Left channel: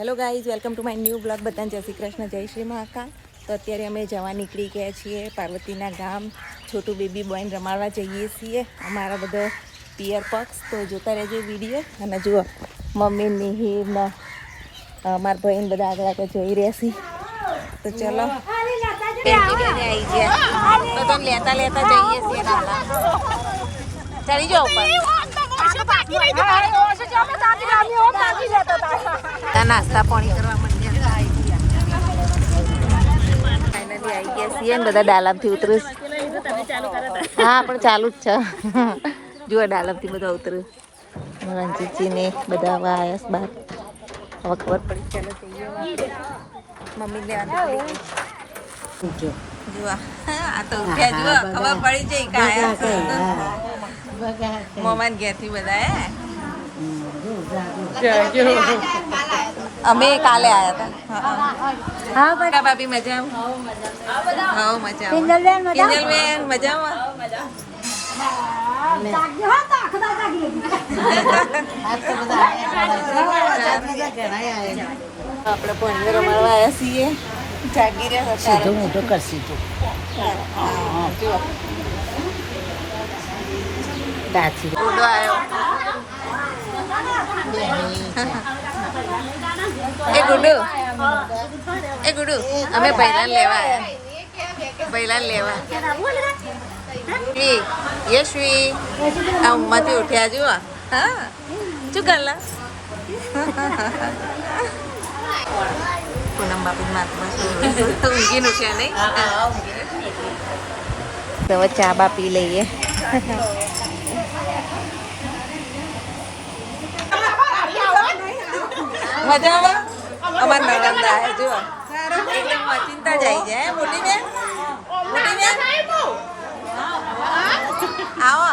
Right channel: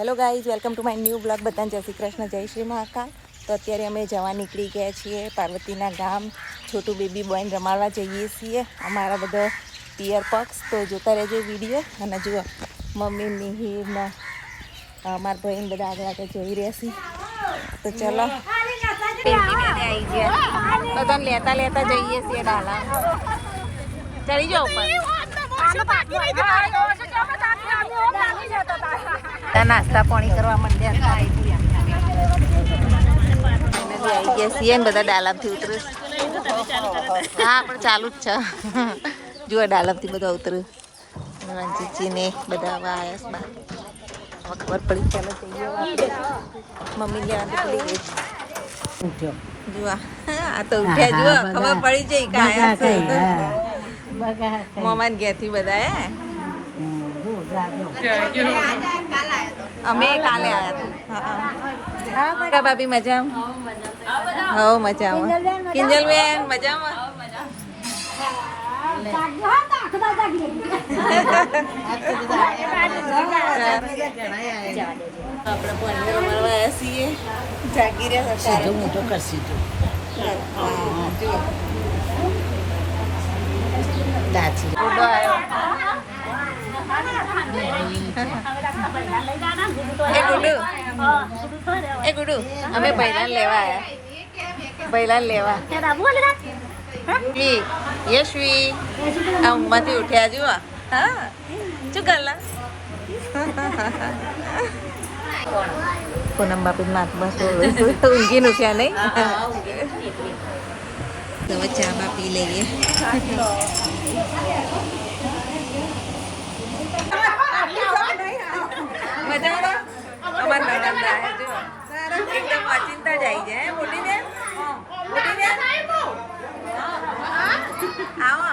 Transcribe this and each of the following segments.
Hello guys, welcome to my new blog. બધાને જય શ્રી કૃષ્ણ, જય શ્રી મહાકાલ. તો અત્યારે અમે જવા નીકળી ગયા છીએ પાર્વતીના ગામ. છોટું બેબી બોયને રમાડવા જઈએ છીએ, અમારા બધા પિયર પક્ષ. તો જોતા રહેજો વિડીયો. અને જુઓ મમ્મી મિહિર ને મારા ભાઈને બધા આગળ આગળ જઈ રહ્યા છીએ. તો ચલો આવી ગયા તો તમે લેતા લેતા જઈએ છીએ ડાલા. ચડી જાઓ ઉપર. નાસ્તા પાણી કરવા માંડ્યા. ફાઇનલી આવી ગયા છીએ ને બધા ડાલામથી ઉતરું. હા પણ ચાલુ જ છે. જુઓ ડાલામથી બધા ઉતરું. રંજીતજી ને બધા હવે આવ્યા બહાર. હવે ખબર પડી. ચાલો જઈએ આપણે. મમ્મી લેવા ભૂલી ગઈ. જુઓ આ તો ઉઠ્યા. જુઓ ખબર પડી જઈ કે આયા મમ્મા ઘેરથી બધા અમે કાલે આવ્યા હતા. હા ભાભી મજામાં? હો મજામાં. કિંજલબેન મજામાં? આપણે પોંજે રમાડવા આવ્યા છીએ. જાગી રહ્યા હતા. ગુડો આવ્યો. એ ગુડુ અમે બૈલાને લેવા આવ્યા. બૈલાને લેવા યશવી આ ઉંમરથી ઉઠ્યા. જુઓ હા શું કરલા. પૂનમ બાપી માથ બસ ઊંઘી ઉઠ્યા નહીં. હવે ચા બા પી લઈએ. મજામાં અમાર નણંદ આવ્યા. જો એકદમ અચિંતા જાય છે. મોટી બેન, મોટી બેન આવો.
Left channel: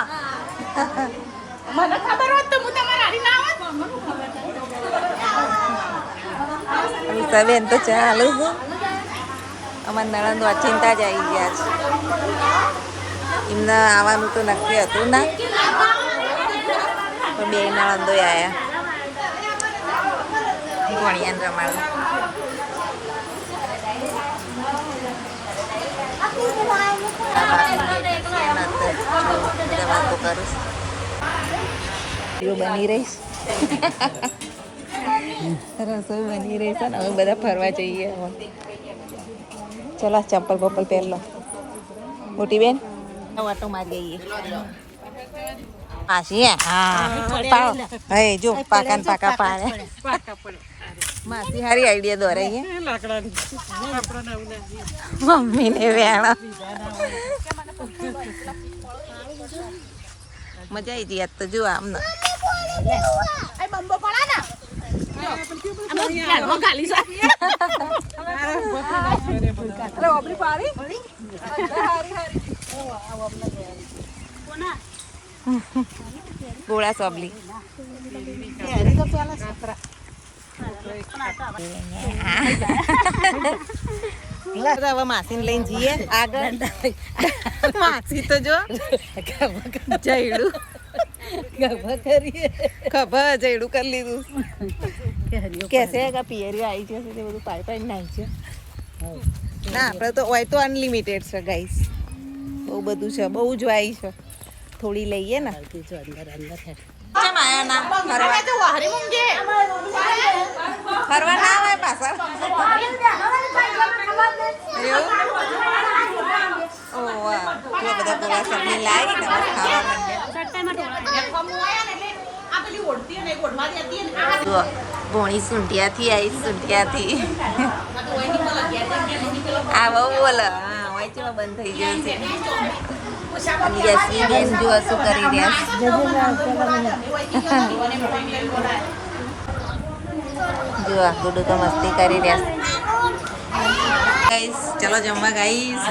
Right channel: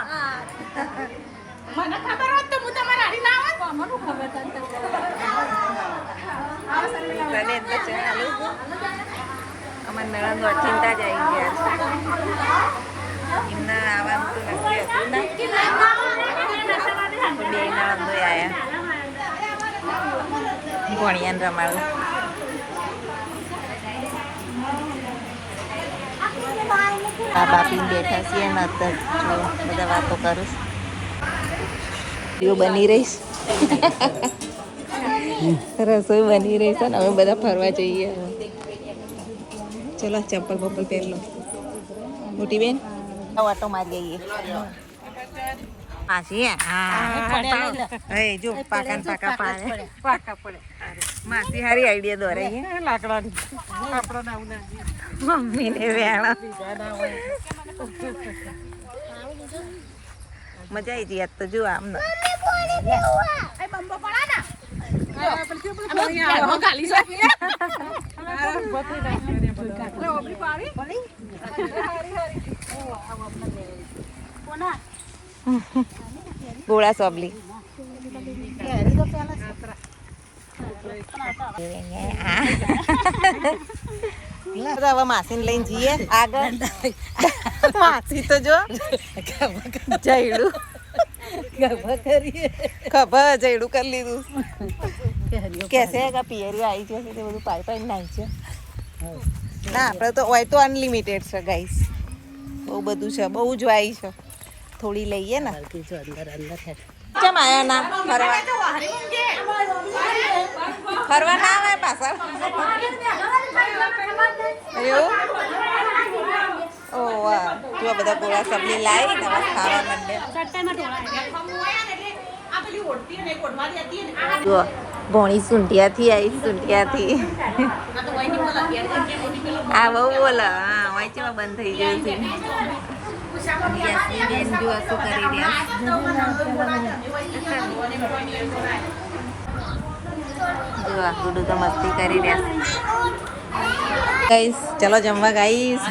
બેન તો ચાલુ છે. અમાર નણંદ અચિંતા જ આવી ગયા છે. એમને આવવાનું તો નક્કી હતું ના, પણ બે નણંદો આવ્યા. ભણિયાને રમાડું. આ બાપી બેઠા છીએ ને અત્યારે જો બધા વાતો કરું. બની રહીશ. રસોઈ બની રહી છે ને હવે બધા ફરવા જઈએ. હવે ચલો ચંપલ બપલ પહેર લો. મોટી બેન વાટો મારી આવીએ. માસી હા હે જો પાકા ને પાકા પાડે. માસી હારી આઈડિયા દોરે છે. મમ્મી ને વેણા મજા આવી હતી. યાદ તો જો આમ ને ગોળા સોબલી. હવે માસી ને લઈને જઈએ આગળ. માસી તો જો જયડું ખબર જયડું કરી લીધું. કેસે પિયરી આવી છે તે બધું પાઈ પાઈ નાખી છે. ના આપણે તો હોય તો અનલિમિટેડ છે ગાઈસ. બહુ બધું છે, બહુ જ વાઈ છે. થોડી લઈએ ને. કેમ આયા ના ફરવા? ફરવા ના આવે પાછળ. એવું? ઓ વાહ, જો બધા ગોળા સબલી લાવી ને હવે ખાવા માંડ્યા. જો ભોણી સુંઢિયાથી આવી. સુંઢિયાથી આ બહુ બોલે. હા વાંચમાં બંધ થઈ ગયું છે. જો શું કરી રહ્યા. જો આ ગુડુ તો મસ્તી કરી રહ્યા. ગાઈસ ચલો જમવા ગાઈસ.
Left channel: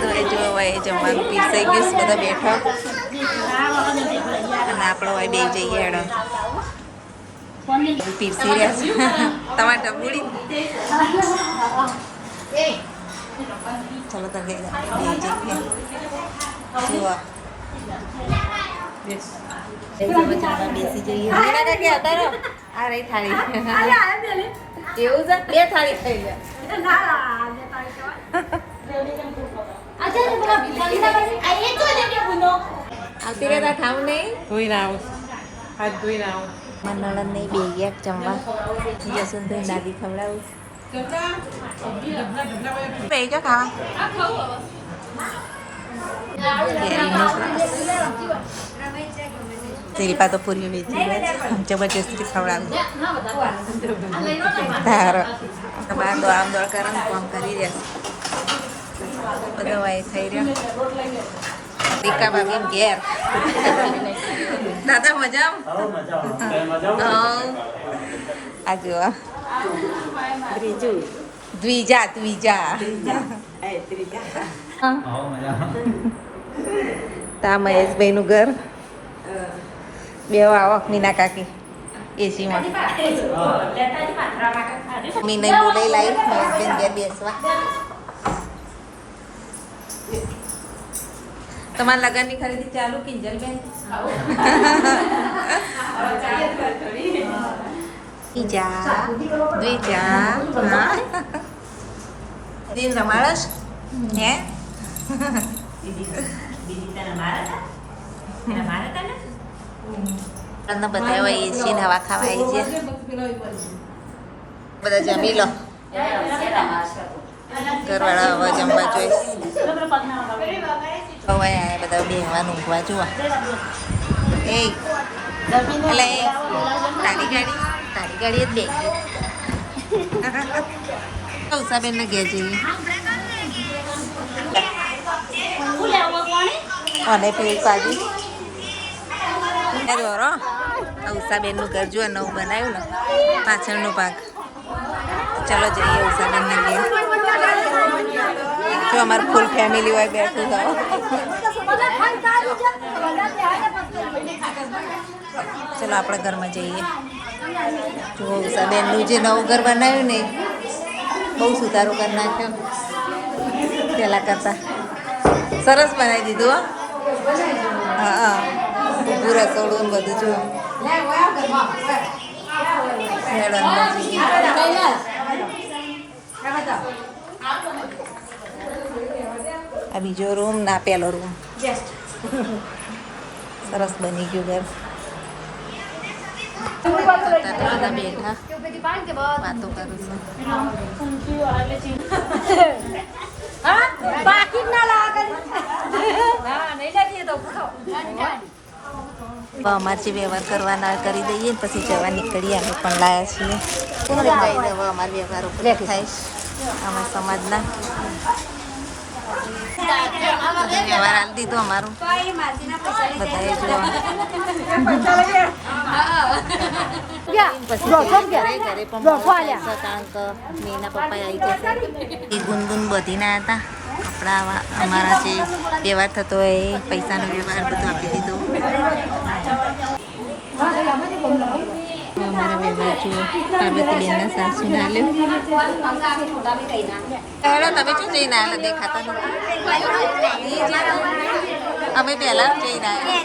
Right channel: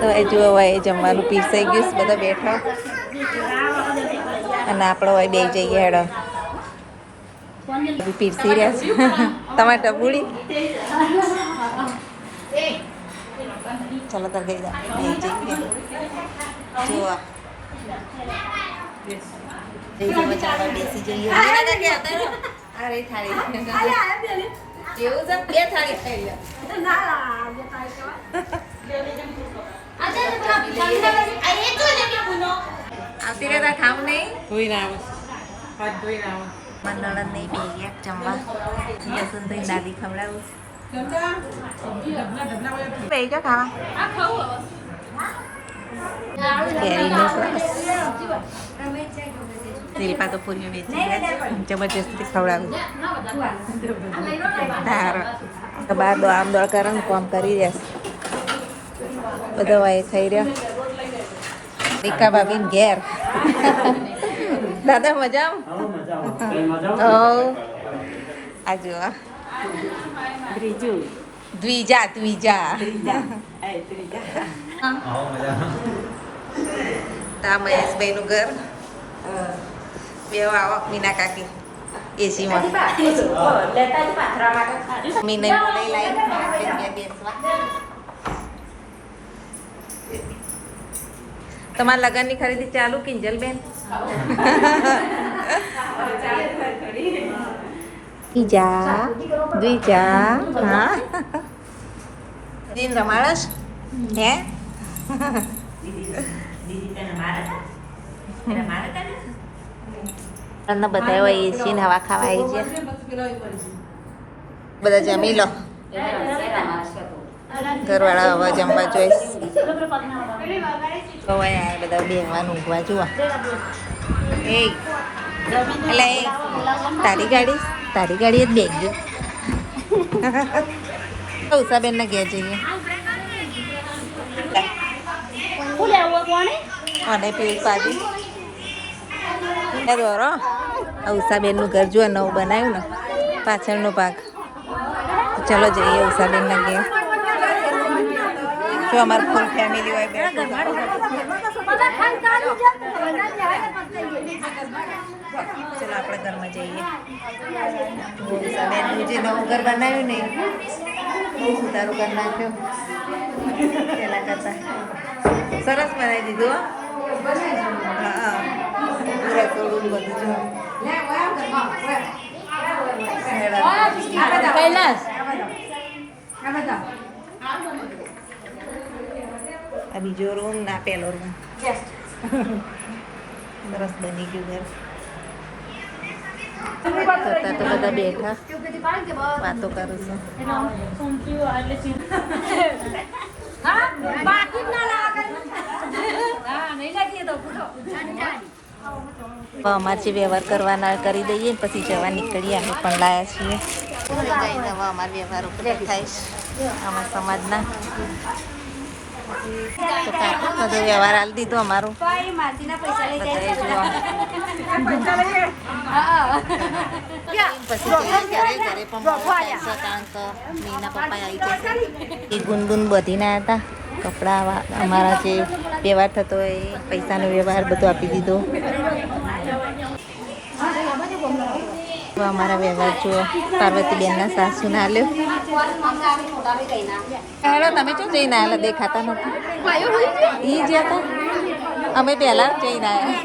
તો એ જો હવે જમવાનું પીરસાઈ ગયું. બધા બેઠા અને આપણો હવે બે જઈએ. હેડો પીરસી રહ્યા છે. તમારે ટબુડી ચલો તો ગઈ બે જઈએ. જોવા ચાલવા બેસી જઈએ. આ રહી થાળી. એવું છે? 2 થાળી થઈ ગયા. આવતી રહેતા ખાવ નહીં. ધોઈને આવું હાથ ધોઈને આવું નણંદ નહીં બે ગયા જમવા. જસુનભાઈ દાદી ખવડાવું. બે જા ખાવા. કેરીનો ક્લાસ. શિલ્પા તો પૂરી વેચી જબરજસ્તી ખવડાવું. તારો બાર દો આમ દોડ કરો ને કામ કરી દે. બધો વાય થઈ રહ્યો. રીકા ભાભી ઘેર. દાદા મજા આ જુઓ દ્વિજા તા મહેશભાઈ નું ઘર. બે આવો મીના કાકી એસીમાં. મીના બોલાઈ લાવી મહેશભાઈ બેસવા. તમારા લગ્નની ખરીદી ચાલુ કિંજલબેન? દ્વિજા હા દિન રમાડશ હે? બધા હોય એસી ને હવા ખાવા આવી છે. બધા જમી લો. ઘરવાળા હવે જમવા જોઈશ. હવે બધા બેહવાનું ઊંઘવા જુઓ. એ એટલે તારી ગાડી જ બે ગઈ. ઉષાબેન ને ઘેર જઈએ. અને પેલી પાજી દોરો ઉષાબેન નું ઘર જુઓ નવું બનાવ્યું ને પાછળનો ભાગ. ચલો જઈએ ઉષાબેન ના ઘેર. જો અમારું ફૂલ ફેમિલી હોય બેઠું જાઓ. ચલો આપણે ઘરમાં જઈએ. જો ઉષાબેનનું જે નવું ઘર બનાવ્યું ને બહુ સુધારો કરી નાખ્યો પહેલાં કરતાં. સરસ બનાવી દીધું. હા પૂરું રસોડું ને બધું જો. આ બીજો રૂમ ના પેલો રૂમ. સરસ બની ગયું ઘર. તો બધા બેઠા વાતો કરું છું. અમારે જે વ્યવહાર કરવાના કરી દઈએ ને પછી જવા નીકળીએ. અમે પણ લાયા છીએ. હવે અમારા વ્યવહારો પૂરા થાય અમારા સમાજના. બધો વ્યવહાર હાલ દીધો અમારો બધાએ જુઓ. પછી ઘરે પણ મોડું થાય છે કારણ કે મીના પપ્પા આવી જશે. એ ગુનગુન બધી ના હતા. કપડાં અમારા જે વ્યવહાર થતો હોય એ પૈસાનો વ્યવહાર બધો આપી દીધો. અમારા વ્યવહાર જુઓ. પાર્વતીબેનના સાસુને હાલ્યો. હેલો તમે શું જઈને આવ્યા? દેખાતા નથી. એ જ હતા. અમે પહેલાં જઈને આવ્યા.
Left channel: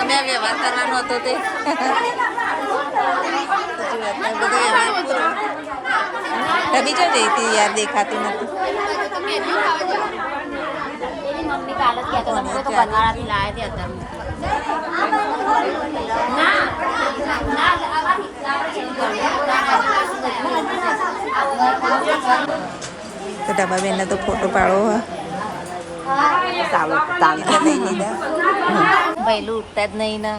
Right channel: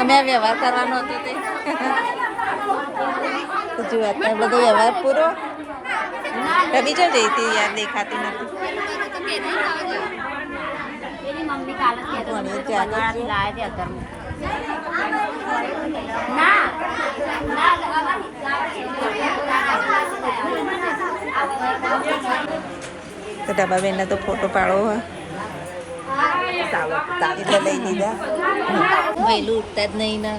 અમે વ્યવહાર કરવાનો હતો તે બધો વ્યવહાર પૂરો. તમે જો જઈ હતી યાર દેખાતું નથી. તો ડબ્બાબેનને તો ફોટો પાડવો એટલે લઈ લીધા. પહેલું ઉઠતા જ નહીં ને.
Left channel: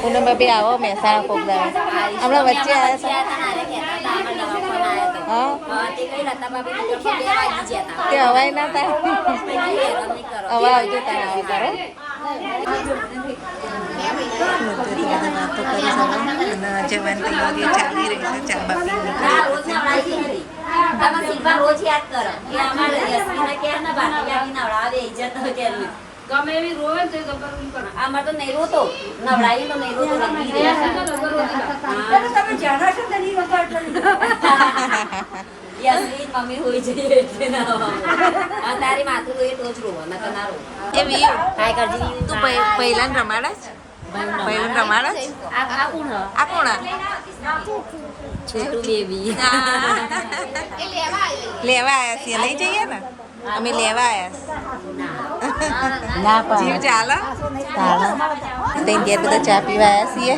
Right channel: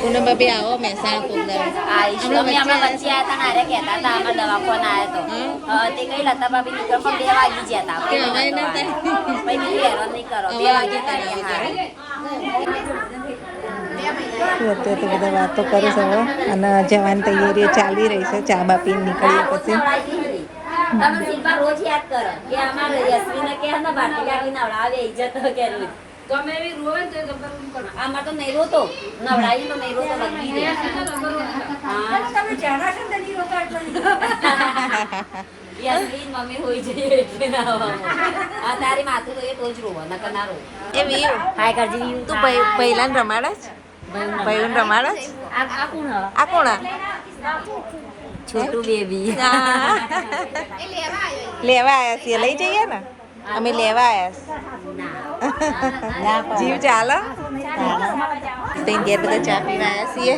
પૂનમ ભાભી આવો મહેસાણા કોક દાડો. હમણાં વચ્ચે તે હવાય ના થાય. હવે આવજો તારે આવો તારે. અત્યારે તો બધા વાતો કરી શકો. અને જવાની તૈયારીઓ ચાલી રહી છે. ચા બાપી નીકળીએ પછી રોજ યાદ કરો કે અમારે યશવીને કે ને ભારતી કાકી નવડાવે ઇજ્જત તો કે ગમે એવી રોવે ને તો ગબ્બર કુમ કરે આમાં તો નહીં રોતો નવડાવી તો નહીં રોતો રગી દે તમે જાણો છો તો નહીં રોતો એટલે યાસમીન મમ્મી હોઈ જઈએ એટલે ના આ તારી માતું તો એ તો જ રોવા ન તો ના રો એ વીયુ હાય કરજી તું પહેલાં રમાડા જ પહેલું રમાડા જ આ કોણ હ આ કોણ છોટું બેબી લેવા આવ્યા છીએ લઈ જઈએ ને અમે લેવા આવ્યા જીવ ચાલો તેન ઘેર બધા ચા પીવા આવ્યા છીએ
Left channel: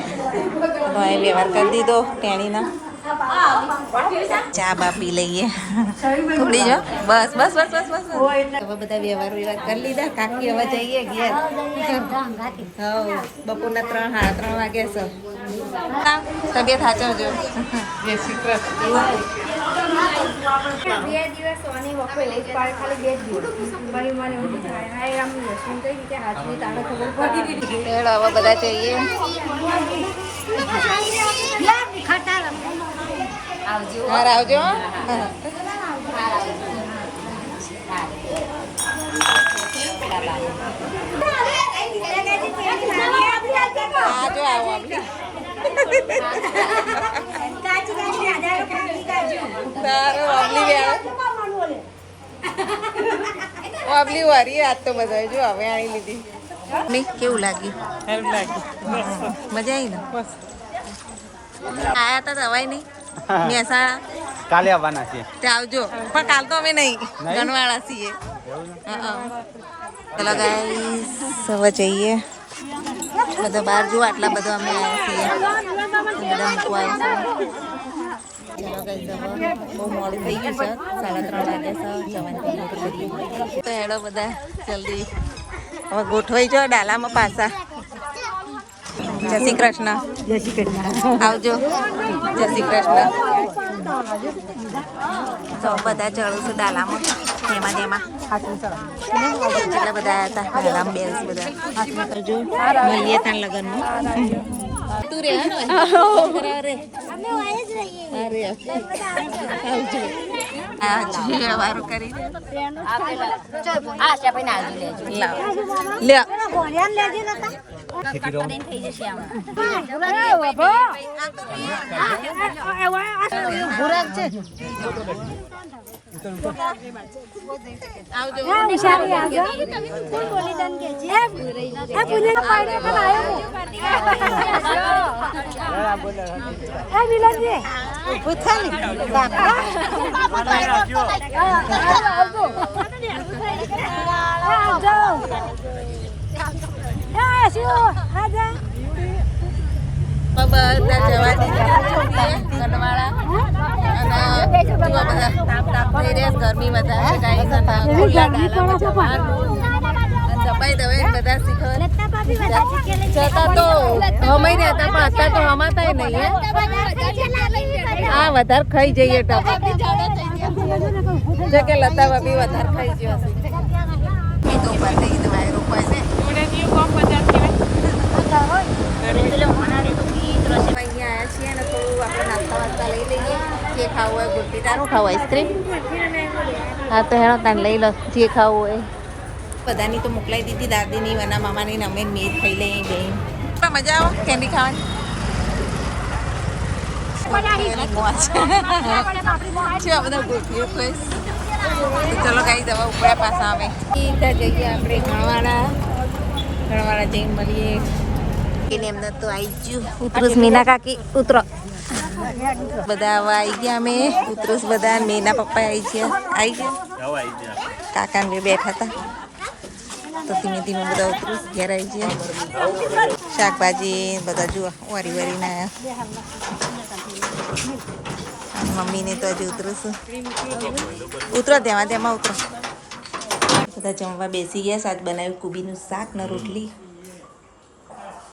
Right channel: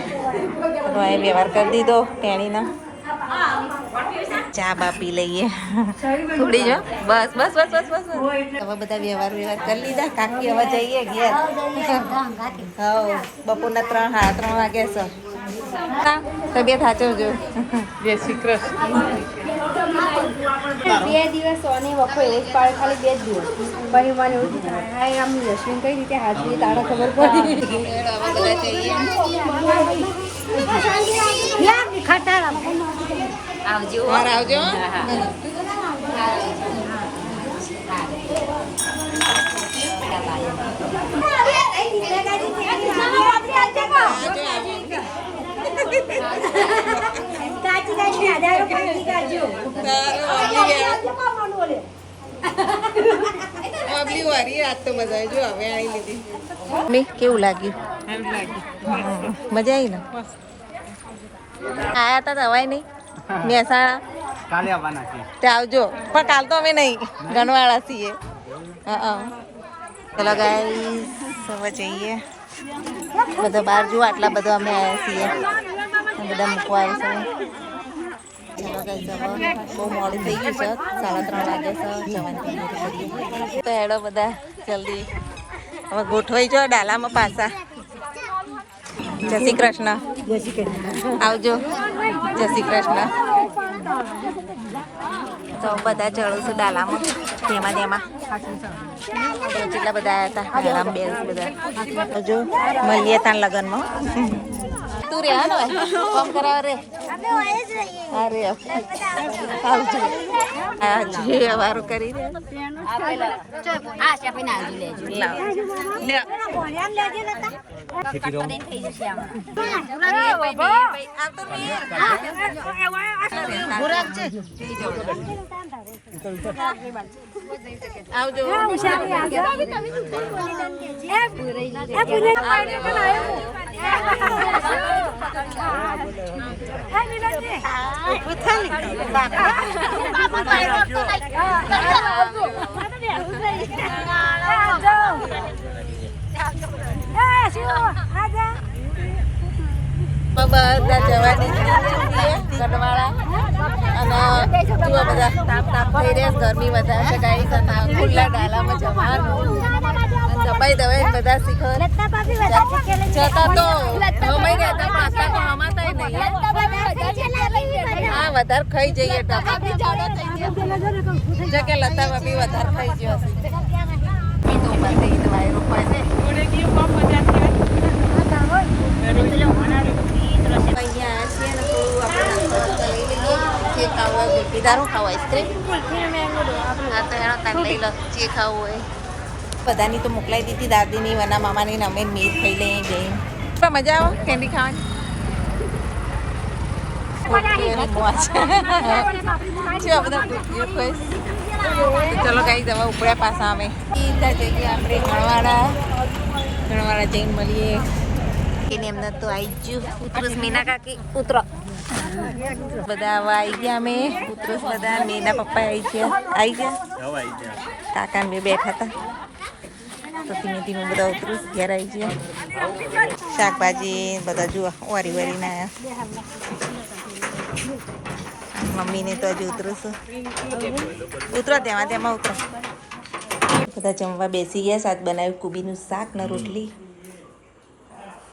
તો એ વ્યવહાર કરી દીધો તેણીનો ચા બા પી લઈએ થોડી જો બસ બસ બસ બસ બસ હવે બધા વ્યવહાર કરી લીધા કાકી હવે જઈએ ઘેર હા બપોરના 3:30 વાગ્યા છે તબિયત સાચવજો જય શ્રી કૃષ્ણ 2 દિવસ સોની પપ્પા એવું જ પાડે ખાલી 2 દિવસ ભાઈ મને એવું હાય આમ લક્ષ્મી કઈ રીતે હાથની તારા ખબર પડી હવે બધા જઈએ આવજો હા આવજો આજો આવો આપલી તારો વાબલી વાબલી વારી આજ તો બધા જો હવે આણી લીધી મેં કેવું લાગ્યું એમ લાગી મજા આવી ને આયા હતા દવાઈ નહીં મહેસાણા કાલે આવવાના છે તે આવજો પણ કાલ તો અમે નહીં ગણવાળા છીએ હા ચલો ગાઈસ હવે જઈએ બધા બહાર જુઓ આટલા બધા અમે આવ્યા છીએ બધા મૂકવા આવ્યા છે ચલો ગાઈસ હવે બહુ મોડું થઈ ગયું છે 3:30 વાગ્યા છે જવાની તૈયારી કરીએ તો હેડો બધા જલ્દી હવે ગોઠવાઈ જાઓ ડાલામાં પાછા જય શ્રી કૃષ્ણ આવજો જય શ્રી કૃષ્ણ તો બધા ચડું છું ડાલામાં તેમાં જેટલા બધા આવ્યા હતા ડાલામાં બેસ બધા જો મળીએ ત્યાં લગ્નમાં તું રે હા ને ફોન કરાવ રે અરે આવજો આજે વારું કરી દે આ છે ભાઈ ના આવજો લેજો લાવ લ્યો કટ કરીને થઈ જશે આમાં આવજો બધા જવાની ગઢવાળા અને જુઓ બધા તાપ થઈ રહ્યા ગરમી વધારે છે ગાડી સાથે ખુલ્લા ડાલામાં જવાનું દબાઈ દબાઈ બધા શીખર જતા તો હમાઈ રહ્યા હતા પણ અત્યારે તો હમાતા નહીં હા વધારે ખાઈ જઈએ જો કે લતા બાબી વધારે ખાઈ ગયો હશે એ તો ઉપર ઈદ વાયરો હોય છે અહીંયા આવ્યા છીએ ને થોડું આપણે નાસ્તા વાસ્તા લઈ લઈએ જે ખાવું હોય ગુલપી તારું ખાવું હોય હા તો હેણો તાને લઈ લો જે ખાવું હોય બધાની તો મોકલાઈ દીધી દાદીની વના મામાની ને અમે મેર ખાઈ લઈએ જઈને મજા આવે કેન્ડી ખાવાની મોજ છે બધા ગુલપીઓ ખાઈશ તો ચલો ગાઈ દવા ઉપડ્યા પાછા અમે સીધા જઈએ આપણે ગણવાળા જઈને મળીએ એને એમને તો આવી ગયું ઉતરુસ મીના કાકી ઉતરો બધા હવે આવી ગયા અમે ઉતરુસ બધા મીના પપ્પા આવી ગયા કાકા ને બેઠા હતા તો ધીમે ધીમે બધા ઉતરુસ ઘેર આવી ગયા શાકભાજી બધા જુઓ વારી વારીને આવ્યા મમ્મીને તો હજી ઉતરું છું ઉતરો તેમાં ઉતરો બધા જમવા બેસી ગયા સાત બનાવ્યું કુબીનું શાક ને રોટલી